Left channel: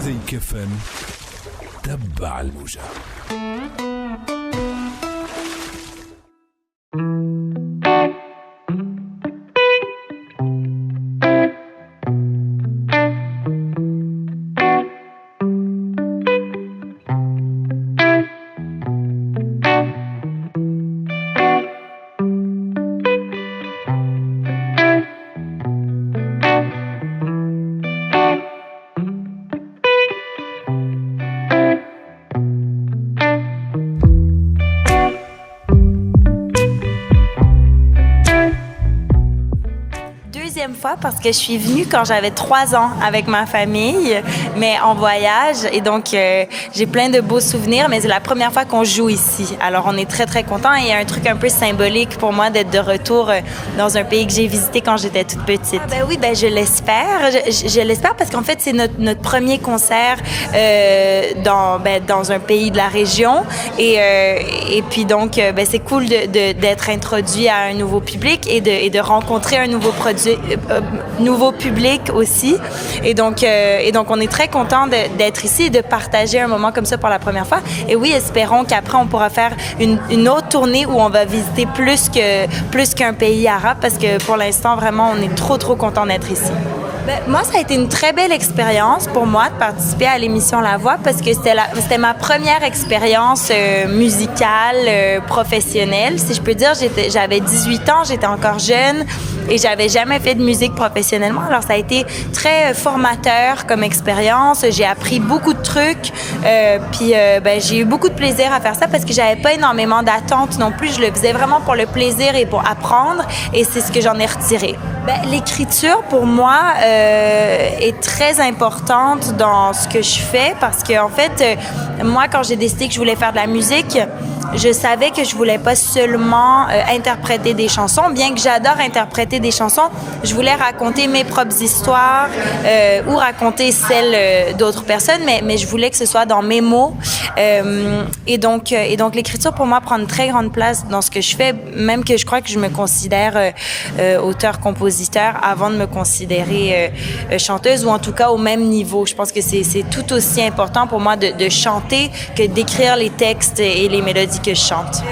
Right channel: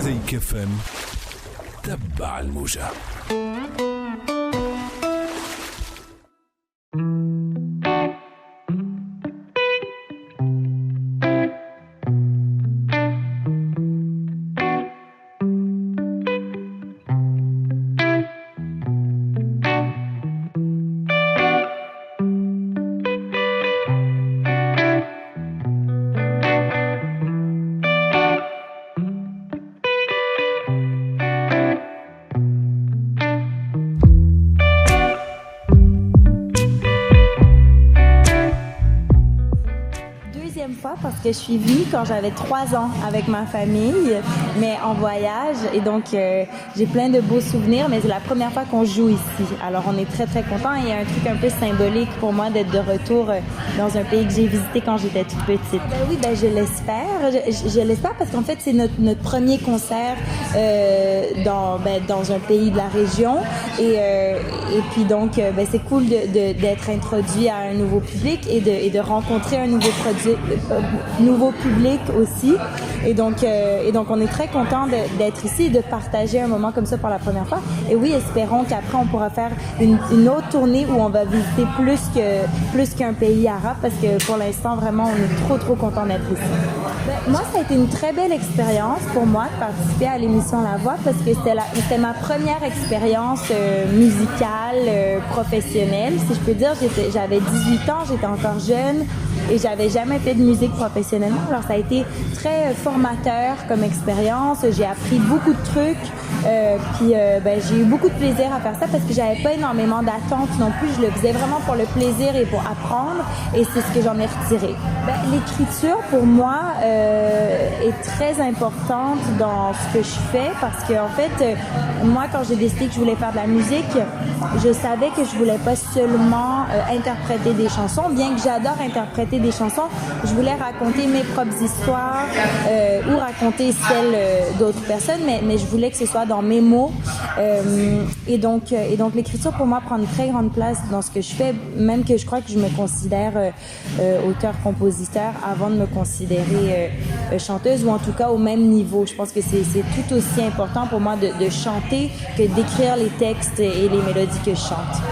موزيك اف ام، تبع الموجة. Fois parce que je suis venue quand j'avais 3 ans avec ma famille, mais en voyage. Et donc, j'ai plein de beaux souvenirs, mais c'est la première fois qu'on joue ici. Alors, on est très, très contents. Et il y a un truc un peu symbolique pour moi d'être de retour dans un pays que j'ai visité quand j'étais toute petite. Oui, je l'espère. Je l'espère parce qu'en fait, c'est notre premier concert dans un pays de la région. Et puis donc, c'est cool d'être introduit à un nouveau public et de rencontrer un nouveau public aussi. Et donc, on est très content d'être ici et de partager un moment comme ça pour la première fois. Et oui, espérons qu'après, on pourra faire une autre tournée où on va visiter plus qu'un pays arabe parce que pour l'instant, vraiment, on est trop, trop content d'être ici. Moi, ça a été une très belle expérience pour moi de participer à l'émission La Voix parce que c'était ma première expérience musicale, professionnelle, si je peux dire. J'avais 18 ans, j'étais encore jeune et j'avais jamais fait de musique professionnellement. Alors, ça a été très formateur comme expérience. J'ai appris beaucoup de trucs. Puis, j'ai eu beaucoup de plaisir à faire ça parce que j'avais pas énormément d'attentes non plus. Je le faisais vraiment pour le plaisir et pour apprendre. Et c'est ce que j'en ai retiré. L'écriture, pour moi, est très importante dans ce que je fais parce que, en fait, moi, quand j'ai décidé que je voulais faire de la musique, je savais que je voulais pas seulement interpréter des chansons. Bien que j'adore interpréter des chansons, je voulais raconter mes propres histoires ou raconter celles d'autres personnes, mais je voulais que ce soit dans mes mots. Et donc, l'écriture, pour moi, prend une très grande place dans ce que je fais, même que je crois que je me considère auteur-compositeur avant de me considérer chanteuse, ou en tout cas au même niveau. Je pense que c'est tout aussi important pour moi de chanter que d'écrire les textes et les mélodies que je chante.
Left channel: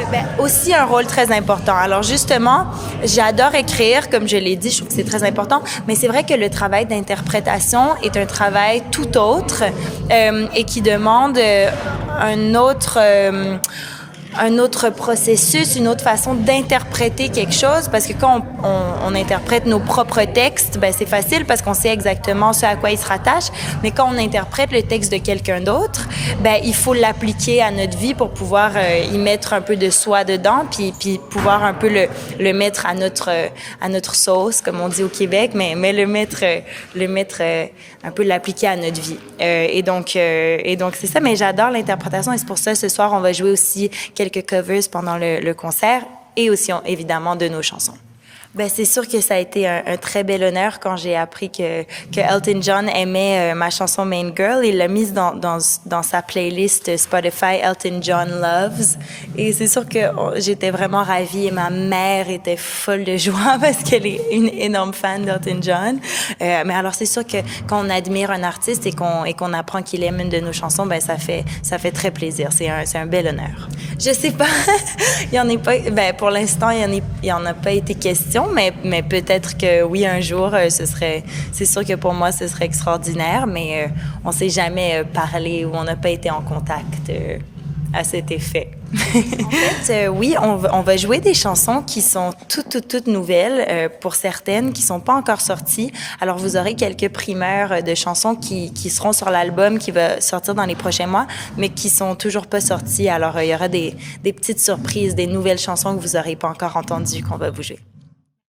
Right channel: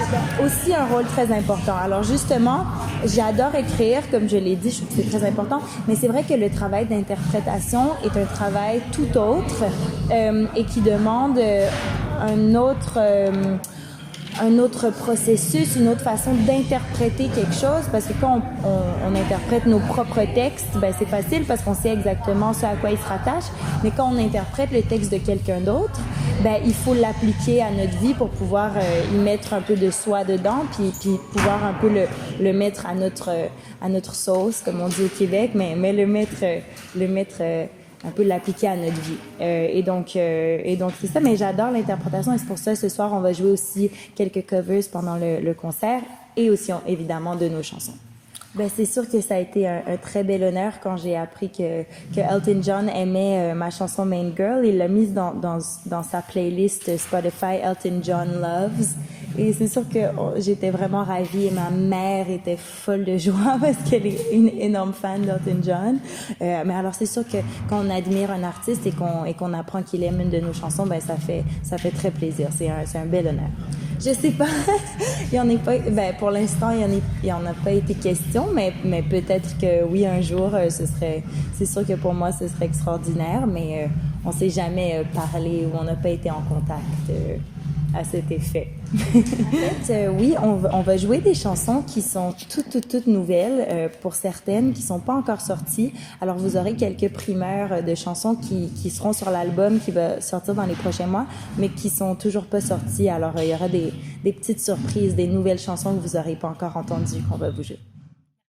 Aussi un rôle très important. Alors justement, j'adore écrire, comme je l'ai dit, je trouve que c'est très important, mais c'est vrai que le travail d'interprétation est un travail tout autre et qui demande un autre processus, une autre façon d'interpréter quelque chose, parce que quand on interprète nos propres textes, c'est facile parce qu'on sait exactement ce à quoi il se rattache, mais quand on interprète le texte de quelqu'un d'autre, il faut l'appliquer à notre vie pour pouvoir y mettre un peu de soi dedans, puis pouvoir un peu le mettre à notre sauce, comme on dit au Québec, mais le mettre un peu l'appliquer à notre vie. Et donc c'est ça, mais j'adore l'interprétation et c'est pour ça ce soir on va jouer aussi quelques covers pendant le concert et aussi évidemment de nos chansons. C'est sûr que ça a été un très bel honneur quand j'ai appris que Elton John aimait ma chanson Main Girl. Il l'a mise dans sa playlist Spotify Elton John Loves. Et c'est sûr que j'étais vraiment ravie et ma mère était folle de joie parce qu'elle est une énorme fan d'Elton John. Mais alors c'est sûr que quand on admire un artiste et qu'on apprend qu'il aime une de nos chansons, ça fait très plaisir. C'est un bel honneur. Je sais pas, il y en a pas. Pour l'instant, il y en a pas été question. Mais peut-être que oui, un jour, c'est sûr que pour moi, ce serait extraordinaire, mais on ne s'est jamais parlé ou on n'a pas été en contact à cet effet. En fait, oui, on va jouer des chansons qui sont toutes nouvelles, pour certaines qui ne sont pas encore sorties. Alors, vous aurez quelques primeurs de chansons qui seront sur l'album qui va sortir dans les prochains mois, mais qui ne sont toujours pas sorties. Alors, il y aura des petites surprises, des nouvelles chansons que vous n'aurez pas encore entendues qu'on va vous jouer.